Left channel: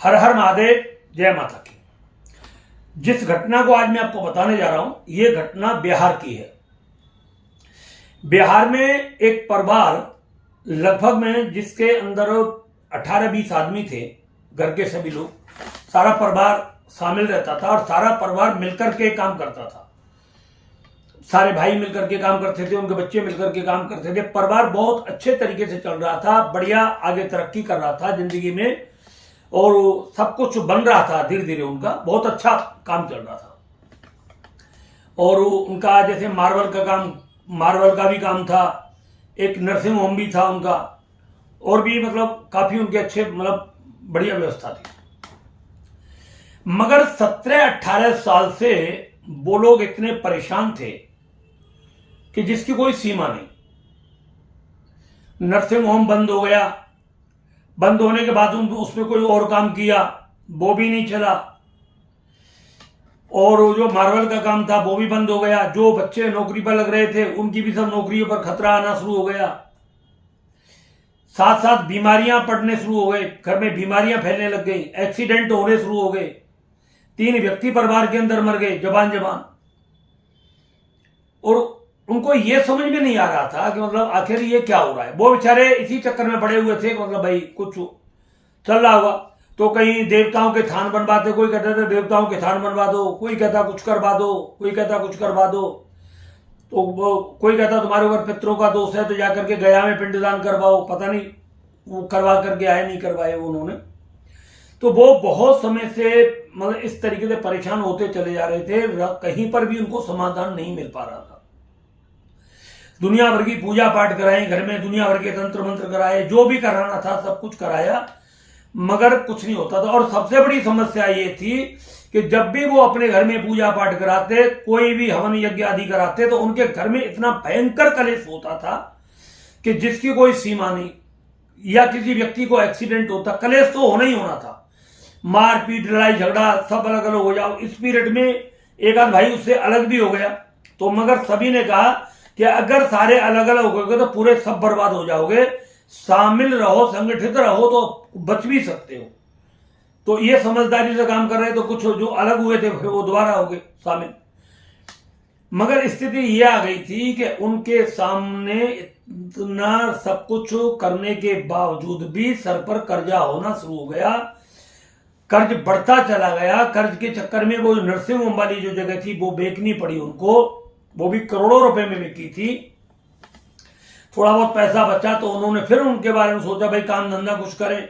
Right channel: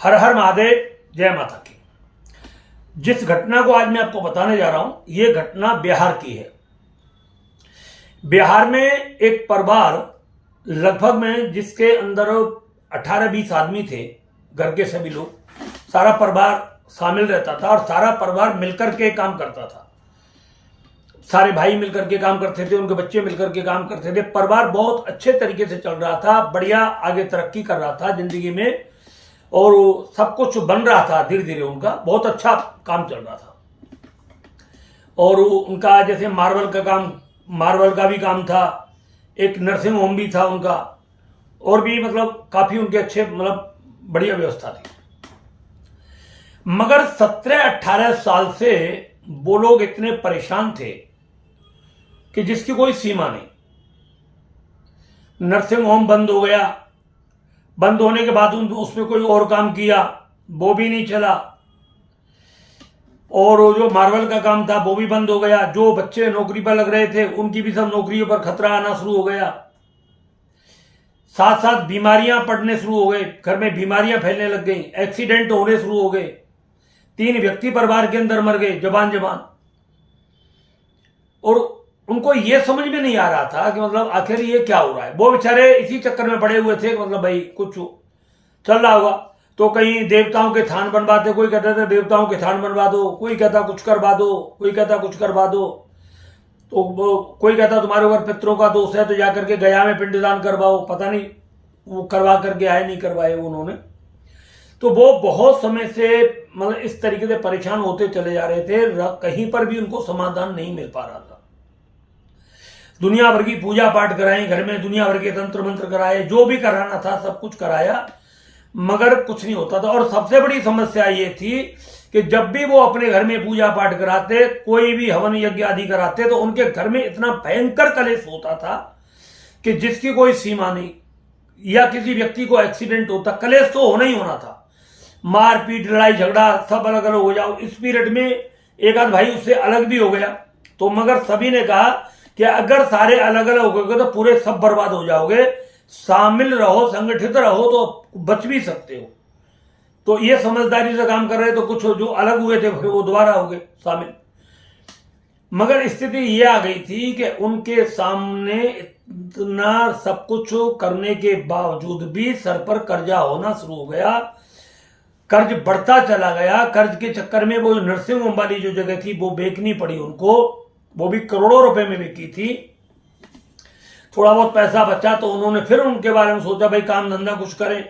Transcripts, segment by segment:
हर हर महादेव, जय माता की। जिस घटना को आज मैं आपको बताने जा रहा हूं, यह घटना बिहार की है। बिहार में एक परिवार लगभग में जिसके अंदर 18-20 आदमी थे, घर के सभी लोग, सारा परिवार शामिल रहता था और सारा परिवार मिलकर के काम करता था। सारे भाई मिलकर के काम करते थे, उनके बच्चे मिलकर के काम करते थे। परिवार बहुत अच्छे तरीके से चल रहा था, बढ़िया आगे तरक्की कर रहा था जिंदगी में और सब कुछ बन रहा था धीरे धीरे। उनका बहुत अच्छा काम चल रहा था और उनका जैसे मार्बल का भी काम था, एक नर्सिंग होम भी था उनका, और भी मतलब काफी उनके अच्छे मतलब बढ़िया व्यवस्था थी। मगर 17-18 साल से वो लोग इतने परेशान थे कि जिसकी कोई सीमा नहीं। नर्सिंग होम बंद हो गया, बंद होने के बाद उसमें कोई और काम किया, वो भी नहीं चला, और जो मार्बल का काम था वो भी बंद हो गया। जो बच्चे नौकरी पर लग रहे थे उनकी भी सब नौकरियों पर खतरा आना शुरू हो गया। साथ साथ बीमारियां पड़ने शुरू हो गए, घर में बीमारियां फैलने लग गई, एक्सीडेंट होने शुरू हो गए। 3 व्यक्ति परिवार के अंदर मर गए जबान जबान। और उनको ये समझ में नहीं आ रहा था कि मतलब आखिर ये क्या हो रहा है। वो बेचारे इसी चक्कर में पड़े हुए थे कि मतलब भाई कुछ चल रहा होगा। तो कहीं देवताओं के थान बनवाते, कोई कहता था देवताओं के थान बनवा दो, कोई कहता कुछ करवा दो, कोई कहता कुछ करवा दो। तो कोई कहता तुम्हारे ऊपर पितरों का दोष है तो जाकर के गया में पिंडदान करवाओ। पता नहीं वो करवा करके आए नहीं करवाए उन्होंने। तो वो बहुत समय से मतलब इस तरीके से परेशान होते चले जा रहे थे, कहीं पर भी उनको समाधान नहीं मिल पा रहा था। दुनिया भर की पूजा पाठ कराई घर में, दुनिया भर के तंत्र मंत्र कराए, जो भी कराना था सब कुछ कराया, मगर कुछ नहीं होता था। और सबसे बड़ी समस्या ये थी कि जब भी वो अपने घर में पूजा पाठ कराते, कोई भी हवन यज्ञ आदि कराते, तो उनके घर में इतना भयंकर कलेश होता था कि जिसकी कोई सीमा नहीं। या किसी व्यक्ति को एक्सीडेंट होता, कलेश तो होना ही होना था, मारपीट लड़ाई झगड़ा सब अलग अलग हो जाओ। इस पीरियड में एक आध भाई उससे अलग भी हो गया। तो मगर सभी ने कहा कि अगर सारे अलग अलग हो गए तो पूरे सब बर्बाद हो जाओगे, शामिल रहो, संगठित रहो तो बच भी सकते हो। तो ये समझदारी से काम कर रहे, तो कुछ जो अलग हुए थे फिर वो दोबारा हो गए शामिल। मगर स्थिति ये आ गई थी कि उनके सामने इतना सब कुछ करने के बावजूद भी सर पर कर्जा होना शुरू हो गया। कर्ज बढ़ता चला गया। कर्ज के चक्कर में वो नर्सिंग होम वाली जो जगह थी वो बेचनी पड़ी उनको, वो भी करोड़ों रुपए में बिकी थी। थोड़ा बहुत पैसा बचा तो उन्होंने फिर उनके बारे में सोचा भाई काम धंधा कुछ करें,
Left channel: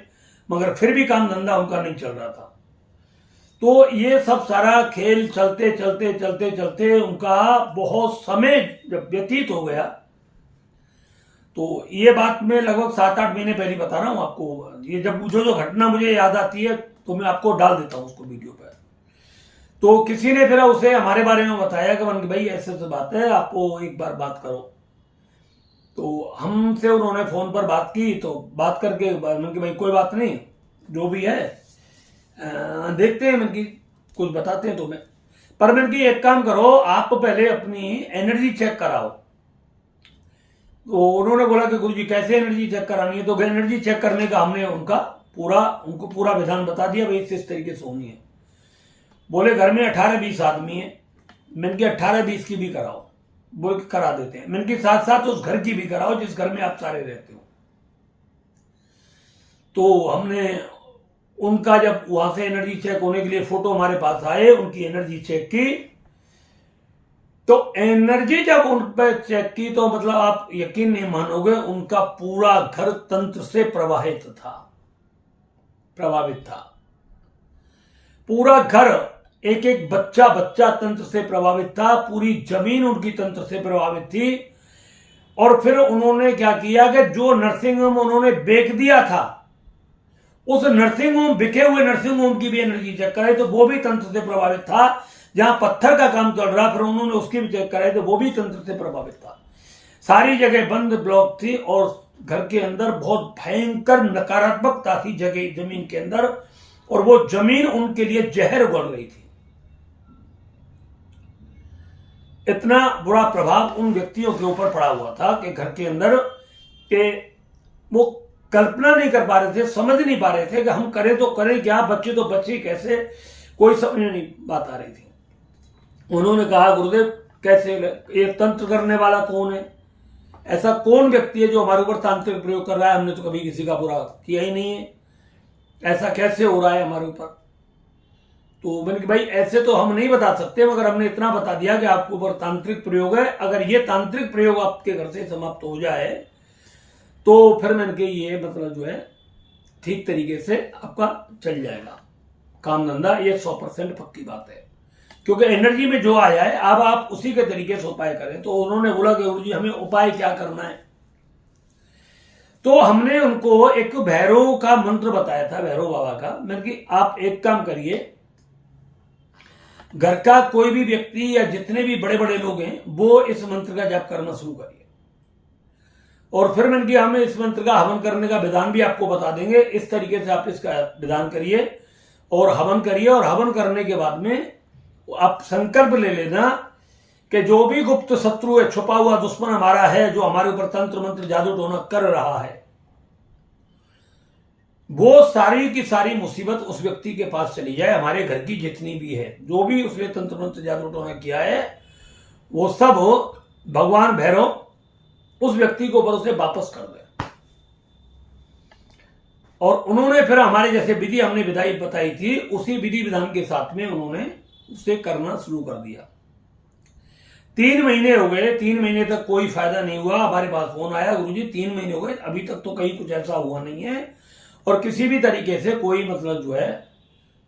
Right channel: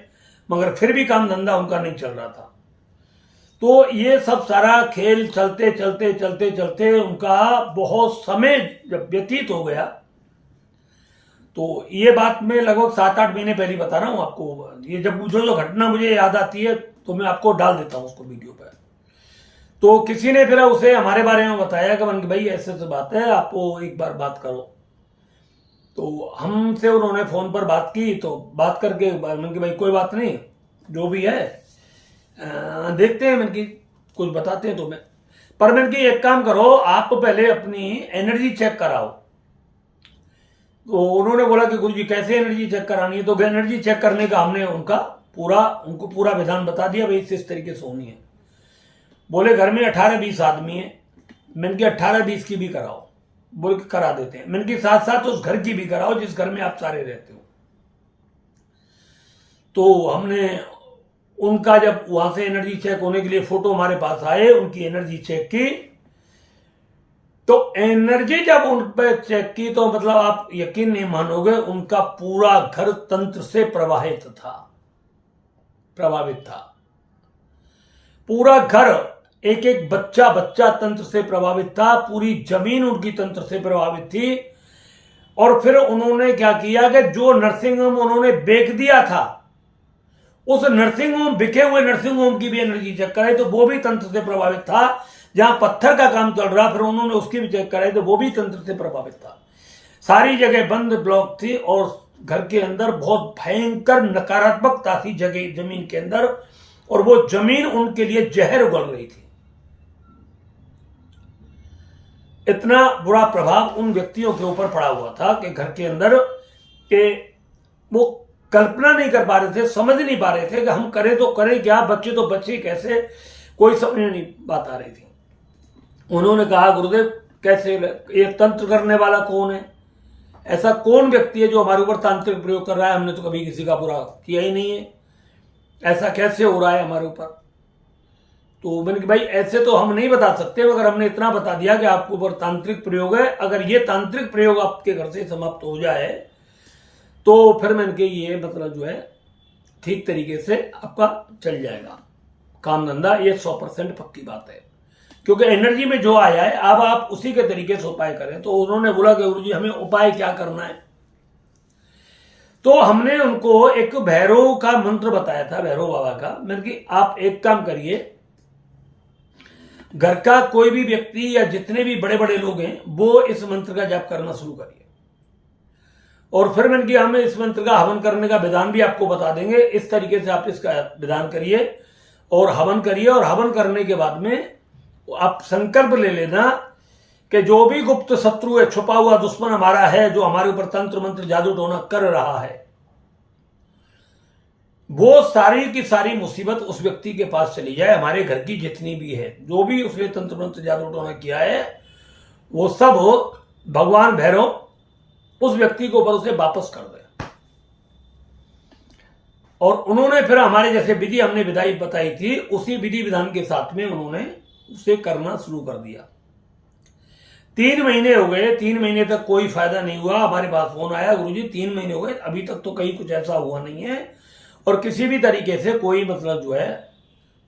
मगर फिर भी काम धंधा उनका नहीं चल रहा था। तो ये सब सारा खेल चलते चलते चलते चलते उनका बहुत समय जब व्यतीत हो गया, तो ये बात मैं लगभग 7-8 महीने पहले बता रहा हूं आपको। ये जब जो घटना मुझे याद आती है तो मैं आपको डाल देता हूं उसको वीडियो पर। तो किसी ने फिर उसे हमारे बारे में बताया कि भाई ऐसे ऐसे बात है, आपको एक बार बात करो। तो हमसे उन्होंने फोन पर बात की, तो बात करके मैंने कि भाई कोई बात नहीं, जो भी है देखते हैं, मैंने कि कुछ बताते हैं तुम्हें। पर मैंने कि एक काम करो, आप पहले अपनी एनर्जी चेक कराओ। तो उन्होंने बोला कि गुरुजी कैसे एनर्जी चेक करानी है। तो एनर्जी चेक करने का हमने उनको पूरा विधान बता दिया, भाई इस तरीके से होनी है। बोले घर में 18-20 आदमी है। मैंने कि 18-20 की भी कराओ, बोल के करा देते हैं। मैंने कि साथ साथ उस घर की भी कराओ जिस घर में आप सारे रहते हो। तो हमने उनका जब वहां से एनर्जी चेक होने के लिए फोटो हमारे पास आए, उनकी एनर्जी चेक की। तो एनर्जी जब उन पर चेक की तो मतलब आप यकीन नहीं मानोगे, उनका पूरा घर तंत्र से प्रभावित था। पूरा घर, एक एक बच्चा तंत्र से प्रभावित था। पूरी जमीन उनकी तंत्र से प्रभावित थी। और फिर उन्होंने क्या किया कि जो नर्सिंग होम उन्होंने बेच दिया था, उस नर्सिंग होम, बिके हुए नर्सिंग होम की भी एनर्जी चेक कराई तो वो भी तंत्र से प्रभावित था। जहां पत्थर का काम चल रहा फिर उन्होंने उसकी भी चेक कराई तो वो भी तंत्र से प्रभावित था। सारी जगह बंद ब्लॉक थी और घर के अंदर बहुत भयंकर नकारात्मकता थी जगह जमीन के अंदर, और वो जमीन उनके लिए जहर उगल रही थी। इतना बुरा प्रभाव उन व्यक्तियों के ऊपर पड़ा हुआ था कि घर के अंदर के वो कल्पना नहीं कर पा रहे थे, समझ नहीं पा रहे थे कि हम करें तो करें क्या, बच्चे तो बच्चे कैसे, कोई समझ नहीं बात आ रही थी। उन्होंने कहा गुरुदेव कैसे, ये तंत्र करने वाला कौन है, ऐसा कौन व्यक्ति है जो हमारे ऊपर तांत्रिक प्रयोग कर रहा है, हमने तो कभी किसी का बुरा किया ही नहीं है, ऐसा कैसे हो रहा है हमारे ऊपर। तो मैंने कि भाई ऐसे तो हम नहीं बता सकते, मगर हमने इतना बता दिया कि आपके ऊपर तांत्रिक प्रयोग है, अगर ये तांत्रिक प्रयोग आपके घर से समाप्त हो जाए तो फिर मैंने कि ये मतलब जो है ठीक तरीके से आपका चल जाएगा काम धंधा, ये 100% पक्की बात है, क्योंकि एनर्जी में जो आया है अब आप उसी के तरीके से उपाय करें। तो उन्होंने बोला कि गुरुजी हमें उपाय क्या करना है, तो हमने उनको एक भैरव का मंत्र बताया था, भैरव बाबा का। मैंने कि आप एक काम करिए, घर का कोई भी व्यक्ति या जितने भी बड़े बड़े लोग हैं वो इस मंत्र का जाप करना शुरू करिए, और फिर मैंने कि हमें इस मंत्र का हवन करने का विधान भी आपको बता देंगे, इस तरीके से आप इसका विधान करिए और हवन करिए। और हवन करने के बाद में आप संकल्प ले लेना कि जो भी गुप्त शत्रु है, छुपा हुआ दुश्मन हमारा है, जो हमारे ऊपर तंत्र मंत्र जादू टोना कर रहा है, वो सारी की सारी मुसीबत उस व्यक्ति के पास चली जाए। हमारे घर की जितनी भी है, जो भी उसने तंत्र मंत्र जादू टोना किया है, वो सब भगवान भैरव उस व्यक्ति को ऊपर उसे वापस कर दे। और उन्होंने फिर हमारे जैसे विधि हमने विधाई बताई थी, उसी विधि विधान के साथ में उन्होंने उसे करना शुरू कर दिया। 3 महीने हो गए, 3 महीने तक कोई फायदा नहीं हुआ। हमारे पास फोन आया, गुरुजी 3 महीने हो गए, अभी तक तो कहीं कुछ ऐसा हुआ नहीं है, और किसी भी तरीके से कोई मतलब जो है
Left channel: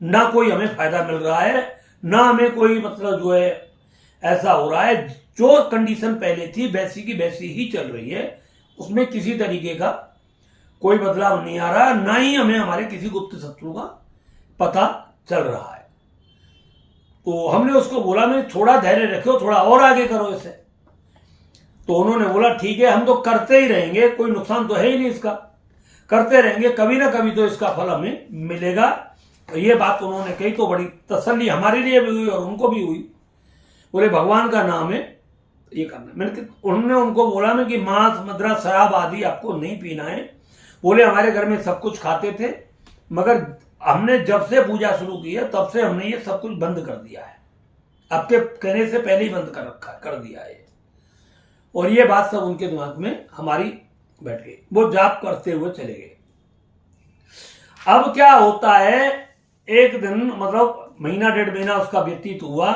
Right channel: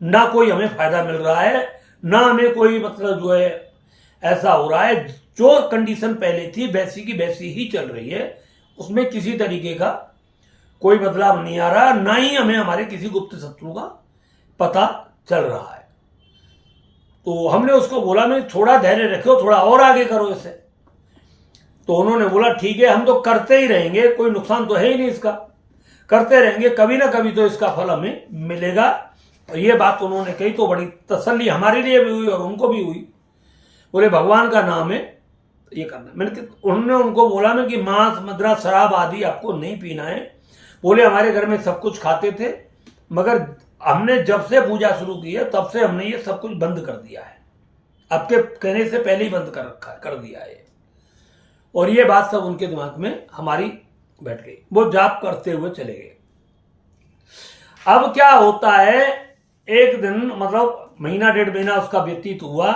ना कोई हमें फायदा मिल रहा है, ना हमें कोई मतलब जो है ऐसा हो रहा है। जो कंडीशन पहले थी वैसी की वैसी ही चल रही है, उसमें किसी तरीके का कोई बदलाव नहीं आ रहा, ना ही हमें हमारे किसी गुप्त शत्रु का पता चल रहा है। तो हमने उसको बोला मैं थोड़ा धैर्य रखो, थोड़ा और आगे करो इसे। तो उन्होंने बोला ठीक है, हम तो करते ही रहेंगे, कोई नुकसान तो है ही नहीं इसका, करते रहेंगे, कभी ना कभी तो इसका फल हमें मिलेगा। तो ये बात उन्होंने कही तो बड़ी तसल्ली हमारे लिए भी हुई और उनको भी हुई। बोले भगवान का नाम है, ये करना। मैंने उन्होंने उनको बोला मैं कि मांस मदिरा शराब आदि आपको नहीं पीना है। बोले हमारे घर में सब कुछ खाते थे, मगर हमने जब से पूजा शुरू की है तब से हमने ये सब कुछ बंद कर दिया है, आपके कहने से पहले ही बंद कर रखा है, कर दिया है। और ये बात सब उनके दिमाग में हमारी बैठ गई, वो जाप करते हुए चले गए। अब क्या होता है, एक दिन मतलब महीना 1.5 महीना उसका व्यतीत हुआ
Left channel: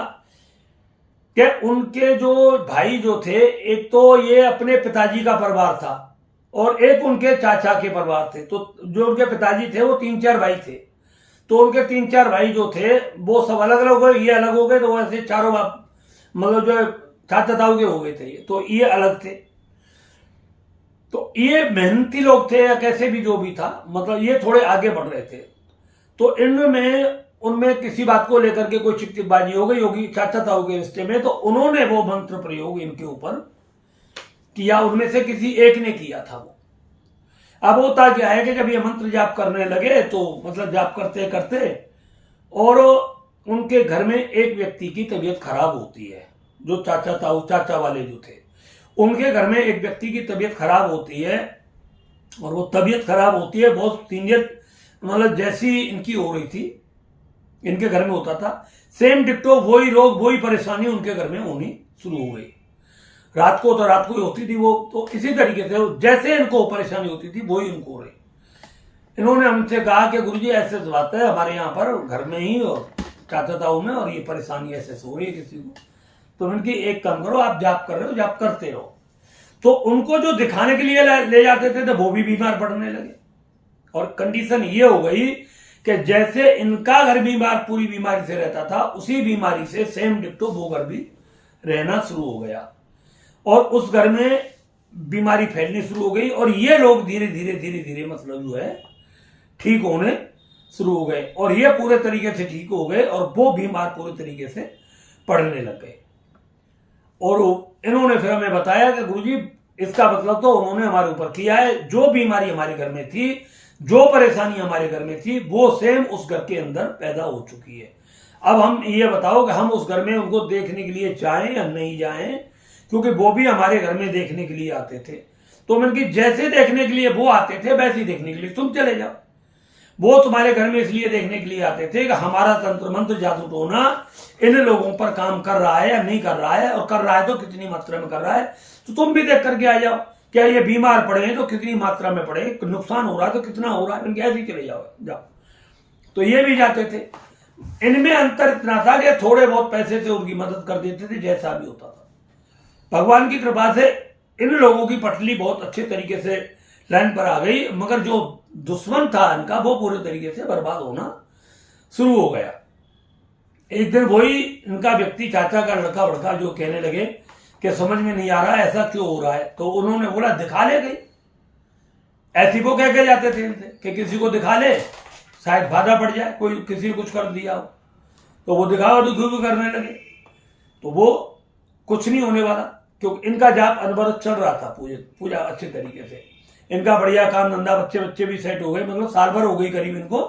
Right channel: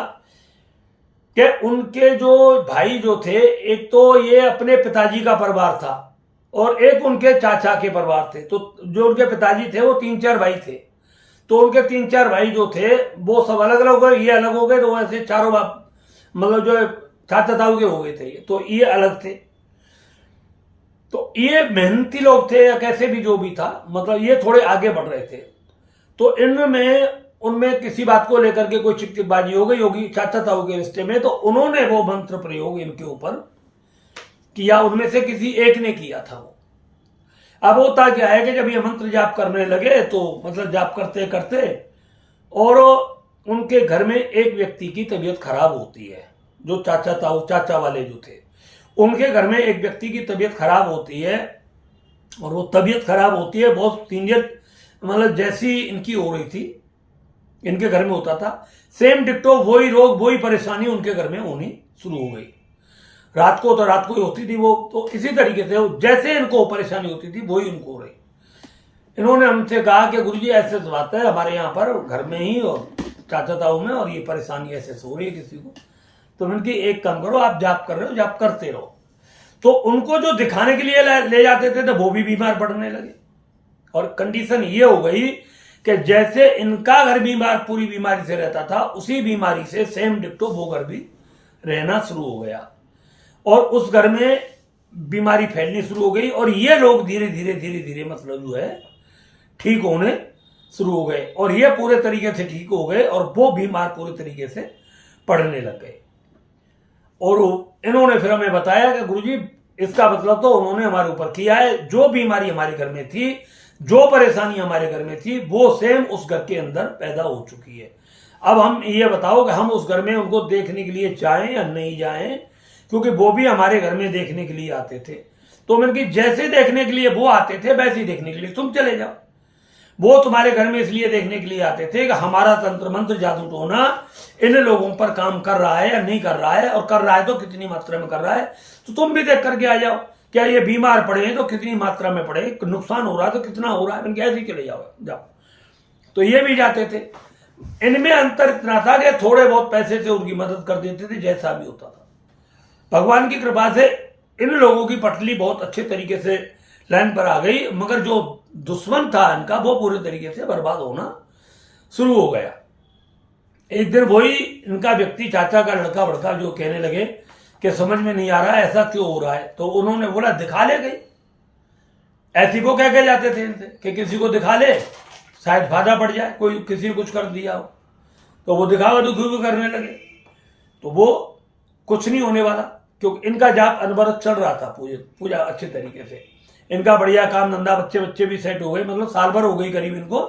कि उनके जो भाई जो थे, एक तो ये अपने पिताजी का परिवार था और एक उनके चाचा के परिवार थे। तो जो उनके पिताजी थे वो 3-4 भाई थे, तो उनके 3-4 भाई जो थे वो सब अलग अलग हो गए, ये अलग हो गए, तो ऐसे चारों बाप मतलब जो चाचा ताऊ के हो गए थे, तो ये अलग थे। तो ये मेहनती लोग थे या कैसे भी जो भी था, मतलब ये थोड़े आगे बढ़ रहे थे। तो उनमें किसी बात को लेकर के कोई चिकचिकबाजी हो गई होगी चाचा ताऊ के रिश्ते में, तो उन्होंने वो मंत्र प्रयोग इनके ऊपर किया, उनमें से किसी एक ने किया था वो। अब होता क्या है कि जब ये मंत्र जाप करने लगे तो मतलब जाप करते करते और उनके घर में एक व्यक्ति की तबीयत खराब होती है, जो चाचा ताऊ चाचा वाले जो थे, उनके घर में एक व्यक्ति की तबीयत खराब होती है। और वो तबीयत खराब होती है बहुत सीनियर, मतलब जैसी इनकी हो रही थी इनके घर में होता था, सेम डिक्टो वही रोग वही परेशानी उनके घर में होनी शुरू हो गई। रात को तो रात को ही होती थी वो, तो इसी तरीके से जैसे इनको परेशानी होती थी वही उनको हो रही। इन्होंने हमसे कहा कि गुरुजी ऐसे बात है हमारे यहाँ पर घर में ही और चाचा ताऊ में, और ये परेशानी ऐसे हो रही है किसी को। तो उनकी एक काम करो, आप जाप कर रहे हो, जाप करते रहो। तो उनको जो दिखाने के लिए ले जाते थे तो वो भी बीमार पड़ने लगे, और कंडीशन ये हो गई कि जैसे इनका घर बीमार पूरी बीमारी से रहता था, उसी बीमारी से सेम डिक्टो वो घर भी रहना शुरू हो गया, और उस घर में बीमारी फैलनी शुरू हो गई। और ये लोग धीरे धीरे धीरे धीरे मतलब जो है ठीक होने शुरू हो गए, और ये पूरे तरीके से ठीक हो गए, और वो बीमार पूरे तरीके से पड़ने लग गए। और इन्होंने फिर हमें बताया कि गुरुजी इसका मतलब तो उन्होंने हमारे ऊपर किया है, जो बीमारी हमारे घर में थी, जो परेशानी हमारे घर में थी, वो सेम उस घर के अंदर पैदा हो चुकी है। अब हम ये बताओ कि हम उस घर में उनको देखने के लिए जाएं या नहीं जाएं, क्योंकि वो भी हमारे घर में देखने के लिए आते थे। तो मैंने कि जैसे देखने के लिए वो आते थे वैसे ही देखने के लिए तुम चले जाओ। वो तुम्हारे घर में इसलिए देखने के लिए आते थे कि हमारा तंत्र मंत्र जादू टोना इन लोगों पर काम कर रहा है या नहीं कर रहा है, और कर रहा है तो कितनी मात्रा में कर रहा है, तो तुम भी देख करके आ जाओ। क्या ये बीमार पड़े हैं तो कितनी मात्रा में पड़े, नुकसान हो रहा है तो कितना हो रहा है, मैंने ऐसे ही चले जाओ। तो ये भी जाते थे। इनमें अंतर इतना था कि थोड़े बहुत पैसे से उनकी मदद कर देते थे, जैसा भी होता था। भगवान की कृपा से इन लोगों की पटली बहुत अच्छे तरीके से लाइन पर आ गई, मगर जो दुश्मन था इनका वो पूरे तरीके से बर्बाद होना शुरू हो गया। एक दिन वही इनका व्यक्ति, चाचा का लड़का बड़का, जो कहने लगे कि समझ में नहीं आ रहा है ऐसा क्यों हो रहा है, तो उन्होंने बोला दिखा ले गई। ऐसी वो कह के जाते थे इनसे कि किसी को दिखा ले, शायद फायदा पड़ जाए, कोई किसी ने कुछ कर दिया हो। तो वो दिखावा दुखी भी करने लगे, तो वो कुछ नहीं होने वाला, क्योंकि इनका जाप अनवरत चल रहा था, पूजा अच्छे तरीके से। इनका बढ़िया काम धंधा, बच्चे भी सेट हो गए, मतलब साल भर हो गई करीब इनको।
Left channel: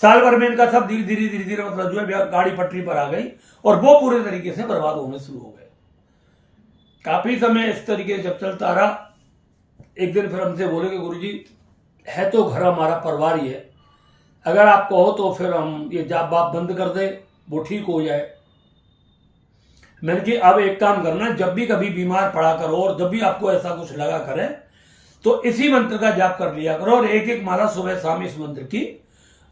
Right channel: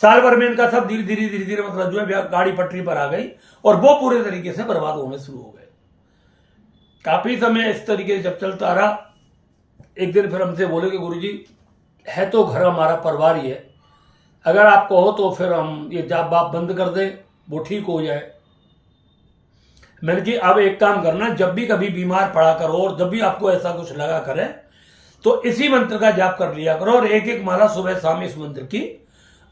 साल भर में इनका सब धीरे धीरे मतलब जो है गाड़ी पटरी पर आ गई, और वो पूरे तरीके से बर्बाद होने शुरू हो गए। काफी समय इस तरीके से जब चलता रहा, एक दिन फिर हमसे बोले कि गुरुजी है तो घर हमारा परिवार ही है, अगर आप कहो तो फिर हम ये जाप बाप बंद कर दे, वो ठीक हो जाए। मैंने कि अब एक काम करना, जब भी कभी बीमार पड़ा करो और जब भी आपको ऐसा कुछ लगा करे तो इसी मंत्र का जाप कर लिया करो, और एक एक माला सुबह शाम इस मंत्र की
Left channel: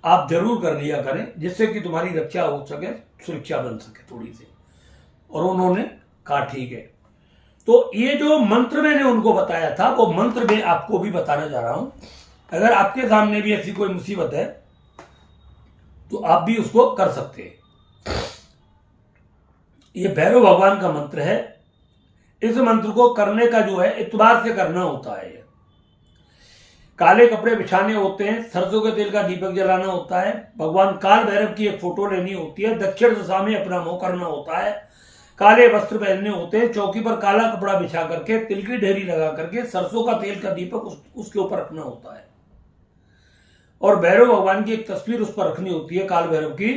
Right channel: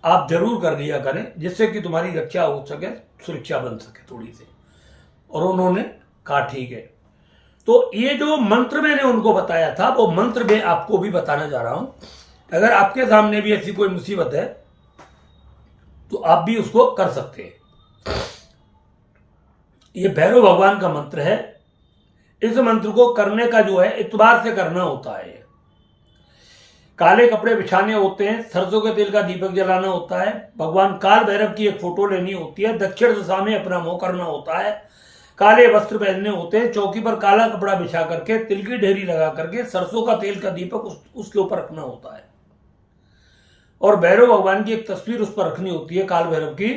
आप जरूर कर लिया करें, जिससे कि तुम्हारी रक्षा हो सके, सुरक्षा बन सके थोड़ी सी। और उन्होंने कहा ठीक है। तो ये जो मंत्र मैंने उनको बताया था वो मंत्र मैं आपको भी बताना चाह रहा हूं। अगर आपके सामने भी ऐसी कोई मुसीबत है तो आप भी उसको कर सकते हैं। ये भैरव भगवान का मंत्र है। इस मंत्र को करने का जो है इतबार से करना होता है। काले कपड़े बिछाने होते हैं, सरसों के तेल का दीपक जलाना होता है, भगवान काल भैरव की एक फोटो लेनी होती है, दक्षिण दिशा में अपना मुंह करना होता है, काले वस्त्र पहनने होते हैं, चौकी पर काला कपड़ा बिछा करके तिल की ढेरी लगा करके सरसों का तेल का दीपक उसके ऊपर रखना होता है, और भैरव भगवान की एक तस्वीर उस पर रखनी होती है काल भैरव की,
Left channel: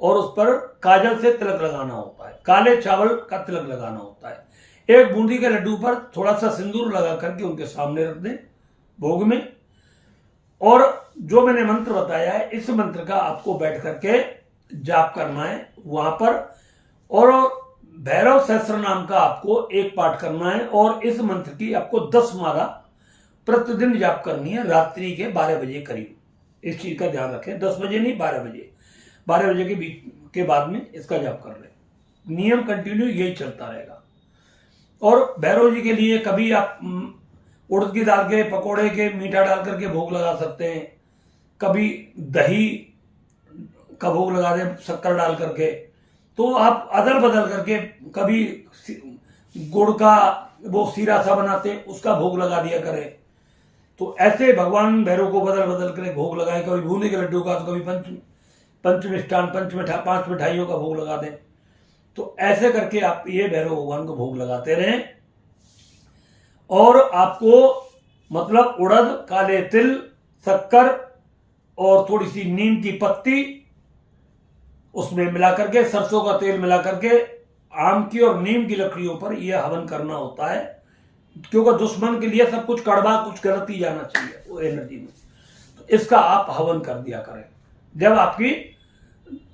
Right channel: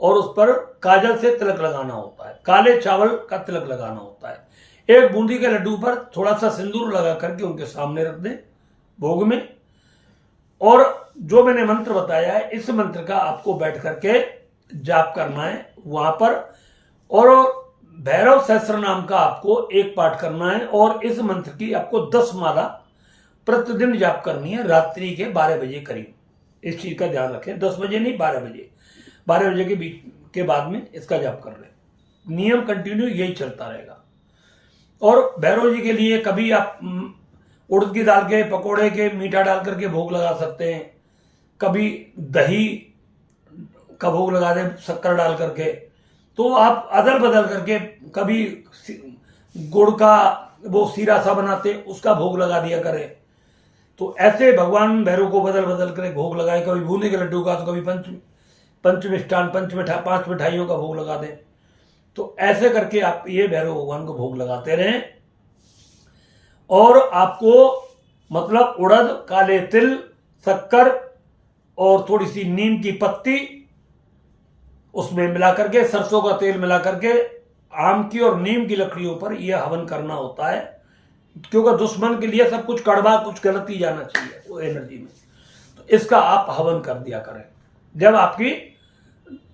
और उस पर काजल से तिलक लगाना होता है, काले चावल का तिलक लगाना होता है। एक बूंदी के लड्डू पर थोड़ा सा सिंदूर लगा करके उनके सामने रख दें भोग में। और जो मैंने मंत्र बताया है, इस मंत्र का आपको बैठ करके जाप करना है वहां पर, और भैरव सहस्त्र नाम का आपको एक पाठ करना है, और इस मंत्र की आपको 10 माला प्रतिदिन जाप करनी है, रात्रि के 12 बजे करीब। इस चीज का ध्यान रखें, 10 बजे नहीं 12 बजे, 12 बजे के बीच के बाद में इसका जाप कर रहे हैं। नियम कंटिन्यू यही चलता रहेगा। और भैरव जी के लिए कभी आप उड़द की दाल के पकोड़े के मीठा डाल करके भोग लगा सकते हैं, कभी दही का भोग लगा दें शक्कर डाल करके, तो आप अदल बदल करके, कभी गुड़ का वो सीरा सा बनाते उसका भोग लगा दिया करें। तो ऐसे भगवान भैरव को बदल बदल कर भोग लगाएं, कभी बूंदी के लड्डू का, तो कभी पंच मिष्ठान 5 मिठाइयों का भोग लगा दें। तो ऐसे करके आप ये भैरव भगवान को भोग लगाते रहें। और आपको मतलब उड़द, काले तिल, शक्कर और थोड़ी सी नीम की पत्ती उसमें मिला करके, सरसों का तेल मिला करके, आम की और नीम की लकड़ियों पर यह हवन करना होता है, क्योंकि दुश्मन के लिए सब कुछ कड़वा, कुछ गलत ही जाना चाहिए वो एनर्जी में। तो इसका आप हवन कर दिया करें। जब आपकी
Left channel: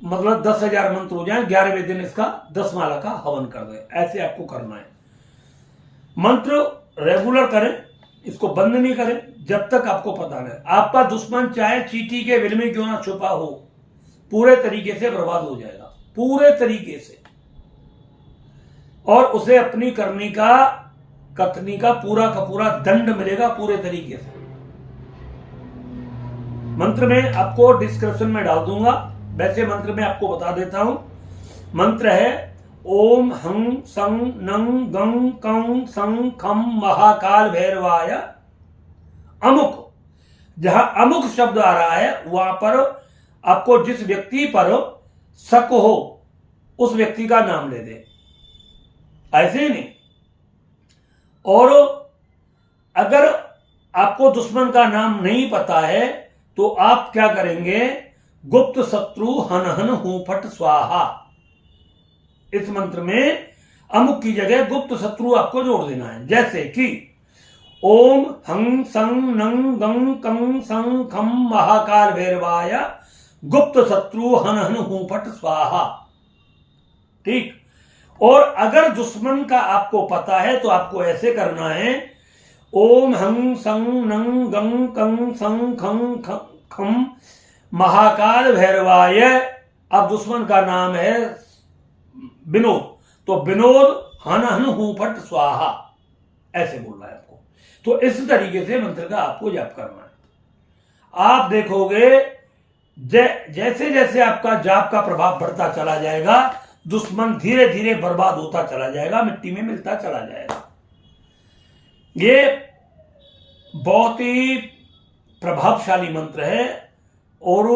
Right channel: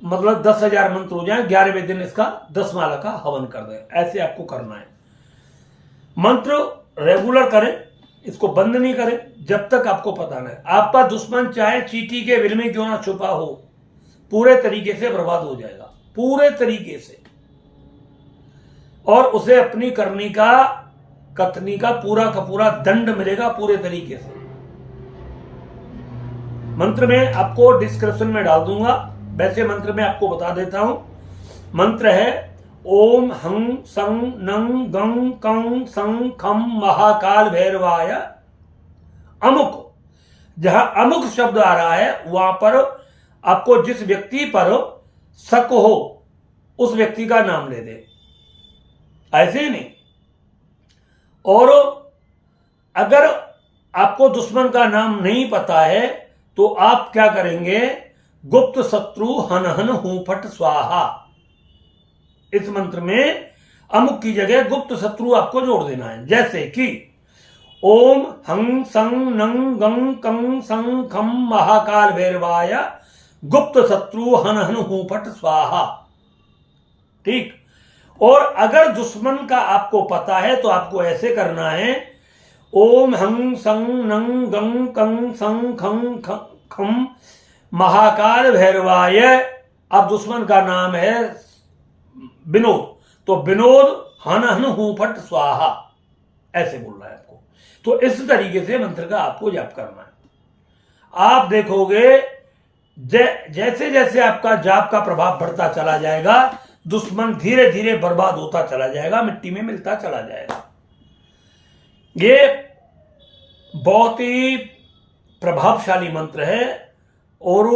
मतलब 10,000 मंत्र हो जाए, 11वें दिन इसका 10 माला का हवन कर दें। ऐसे आपको करना है। मंत्र रेगुलर करें, इसको बंद नहीं करें जब तक आपको पता नहीं। आपका दुश्मन चाहे चींटी के बिल में क्यों ना छुपा हो, पूरे तरीके से बर्बाद हो जाएगा, पूरे तरीके से। और उसे अपनी करनी का, कथनी का पूरा दंड मिलेगा पूरे तरीके से। मंत्र में आपको डिस्क्रिप्शन में डाल दूंगा, वैसे मंत्र में आपको बता देता हूं। मंत्र है ओम हं सं नंग गं कं सं खम महाकाल भैरवाय अमुक। जहां अमुक शब्द आ रहा है वहां पर आपको जिस व्यक्ति पर शक हो उस व्यक्ति का नाम ले दे, ऐसे ही नहीं। और अगर आपको दुश्मन का नाम नहीं पता है तो आप क्या करेंगे, गुप्त शत्रु हन हन हूं फट स्वाहा। इस मंत्र में अमुक की जगह गुप्त शत्रु आपको जोड़ देना है। जैसे कि ओम हं सं नंग गं कं सं खम महाकाल भैरवाय गुप्त शत्रु हन हन हूं फट स्वाहा। ठीक। और अगर दुश्मन का आपको पता है तो आपको ऐसे करना है, ओम हं सं नंग गं कं सं खं खम महाकाल भैरवाय। अब दुश्मन का नाम है विनोद, तो विनोद हन हन हूं फट स्वाहा, ऐसे बोलना है आपको। तो इस तरीके से मंत्र का आपको जाप करना है। आप देखोगे जैसे जैसे आपका जाप का प्रभाव बढ़ता चला जाएगा, दुश्मन धीरे धीरे बर्बाद होता चला जाएगा, मिट्टी में मिलता चला जाएगा। ये बहुत ही प्रभावशाली मंत्र है और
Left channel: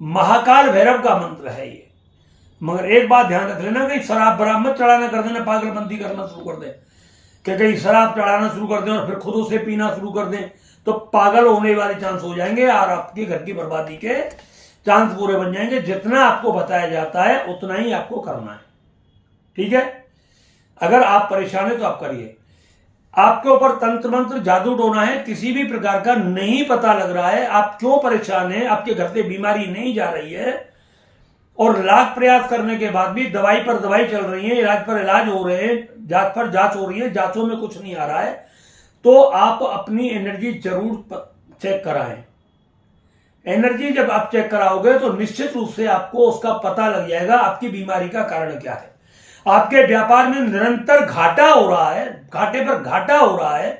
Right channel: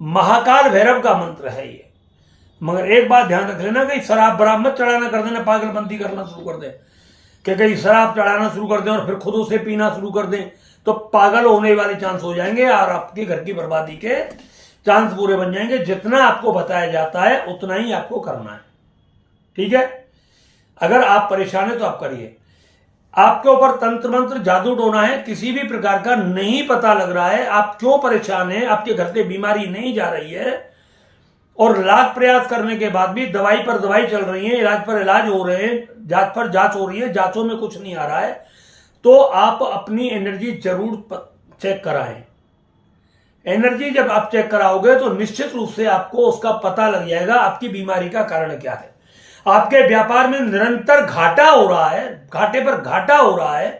महाकाल भैरव का मंत्र है ये। मगर एक बात ध्यान रख लेना, कहीं शराब बराब मत चढ़ाना कर देना, पागलबंदी करना शुरू कर दे कि कहीं शराब चढ़ाना शुरू कर दें और फिर खुद उसे पीना शुरू कर दें, तो पागल होने वाले चांस हो जाएंगे और आपके घर की बर्बादी के चांस पूरे बन जाएंगे। जितना आपको बताया जाता है उतना ही आपको करना है। ठीक है। अगर आप परेशान है तो आप करिए। आपके ऊपर तंत्र मंत्र जादू टोना है किसी भी प्रकार का नहीं पता लग रहा है, आप क्यों परेशान हैं, आपके घर से बीमारी नहीं जा रही है और लाख प्रयास करने के बाद भी दवाई पर दवाई चल रही है, इलाज पर इलाज हो रहे हैं, जांच पर जांच हो रही है, जांचों में कुछ नहीं आ रहा है, तो आप अपनी एनर्जी जरूर चेक कराएं। एनर्जी जब आप चेक कराओगे तो निश्चित रूप से आपको उसका पता लग जाएगा आपकी बीमारी का कारण क्या है। आपके व्यापार में निरंतर घाटा हो रहा है, घाटे पर घाटा हो रहा है,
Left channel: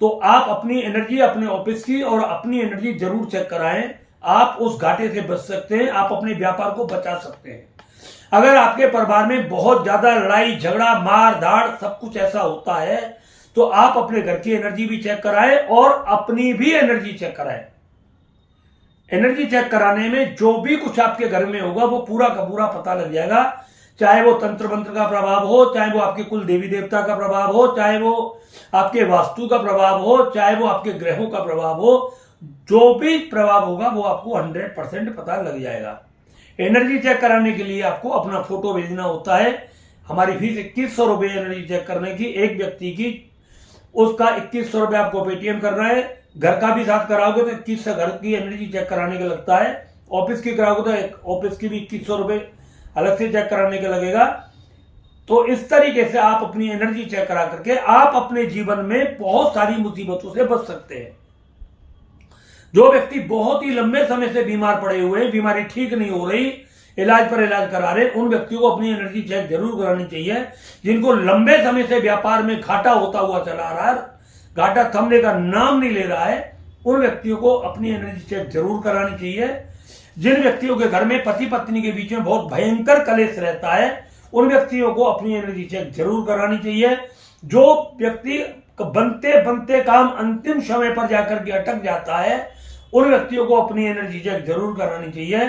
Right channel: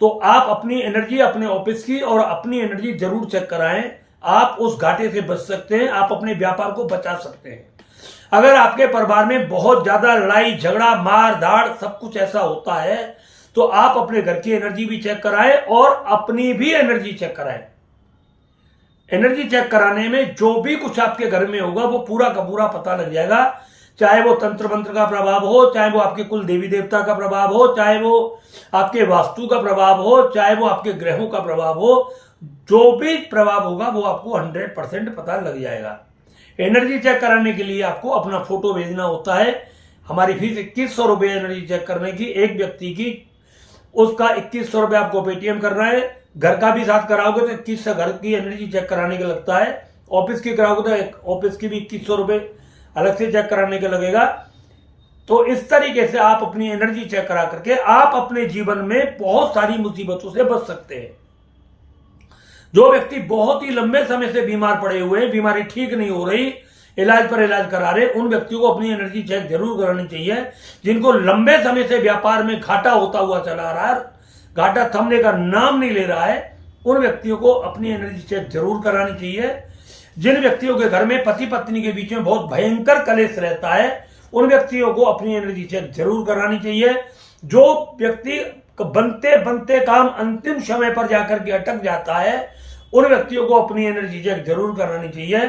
तो आप अपनी एनर्जी, अपने ऑफिस की और अपनी एनर्जी जरूर चेक कराएं। आप उस घाटे से बच सकते हैं, आप अपने व्यापार को बचा सकते हैं। अगर आपके परिवार में बहुत ज्यादा लड़ाई झगड़ा मार धाड़ सब कुछ ऐसा होता है तो आप अपने घर की एनर्जी भी चेक कराएं और अपनी भी एनर्जी चेक कराएं। एनर्जी चेक कराने में जो भी कुछ आपके घर में होगा वो पूरा का पूरा पता लग जाएगा, चाहे वो तंत्र मंत्र का प्रभाव हो, चाहे वो आपके कुल देवी देवता का प्रभाव हो, चाहे वो आपके वास्तु का प्रभाव हो, चाहे वो आपके ग्रहों का प्रभाव हो, जो भी प्रभाव होगा वो आपको 100% पता लग जाएगा। एनर्जी चेक कराने के लिए आपको अपना फोटो भेजना होता है। हमारी फीस 2100 रुपये एनर्जी चेक करने की, एक व्यक्ति की, उसका 2100 रुपये आपको पेटीएम करना है। घर का भी साथ कराओगे तो 2100 घर की एनर्जी चेक कराने का लगता है, ऑफिस की कराओगे तो ऑफिस की भी 2100 रुपये अलग से चेक कराने का लगेगा। तो इस तरीके से आप अपनी एनर्जी चेक करा करके आप अपने जीवन में बहुत सारी मुसीबतों से बच सकते हैं। जो व्यक्ति बहुत ही लंबे समय से बीमार पड़े हुए हैं, बीमारी ठीक नहीं हो रही, इलाज पर इलाज करा रहे, उन व्यक्तियों को अपनी एनर्जी चेक जरूर करानी चाहिए। जिनको लंबे समय से व्यापार में घाटा होता हुआ चला रहा है, घाटा थमने का नाम नहीं ले रहा है, उन व्यक्तियों को अपनी एनर्जी चेक जरूर करानी चाहिए। जिन व्यक्तियों के घर में पति पत्नी के बीच में बहुत भयंकर कलेश रहता है, उन व्यक्तियों को अपनी एनर्जी चेक जरूर करानी चाहिए। जो व्यक्ति बनते बनते काम अंतिम समय पर जाकर के अटक जाता है, उन व्यक्तियों को अपनी एनर्जी चेक जरूर करानी चाहिए।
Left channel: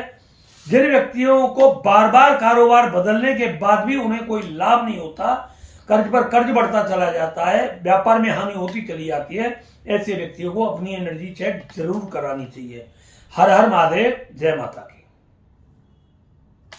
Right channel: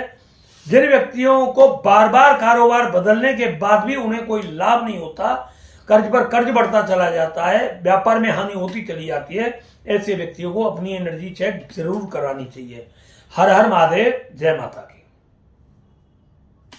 जिन व्यक्तियों को बार बार कारोबार बदलने के बाद भी उन्हें कोई लाभ नहीं होता, कर्ज पर कर्ज बढ़ता चला जाता है, व्यापार में हानि होती चली जाती है, ऐसे व्यक्तियों को अपनी एनर्जी चेक जरूर करानी चाहिए। हर हर महादेव, जय माता की।